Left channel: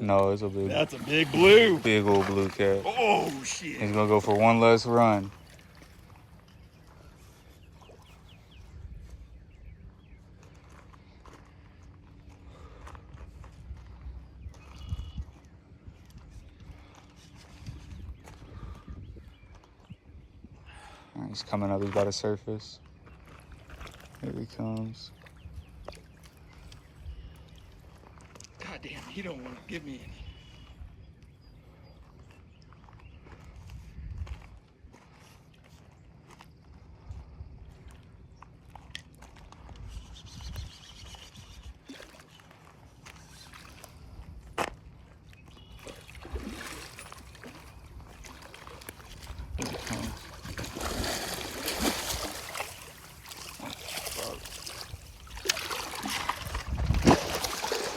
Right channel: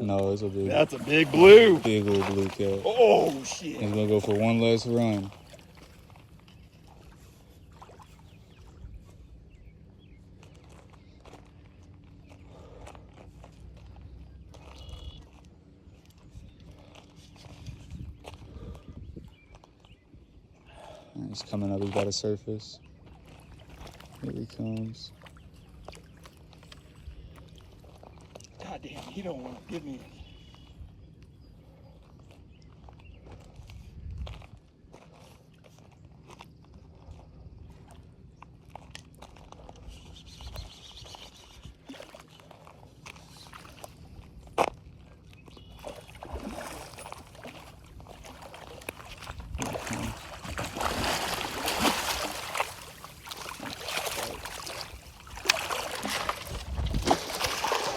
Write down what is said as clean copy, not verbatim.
No, it's a big. That's a big blue. Big old blue cat. Oh, shit. He's gonna go for one last run. He's coming up. He's got a surface. Here he comes. God damn, he don't want to give me any.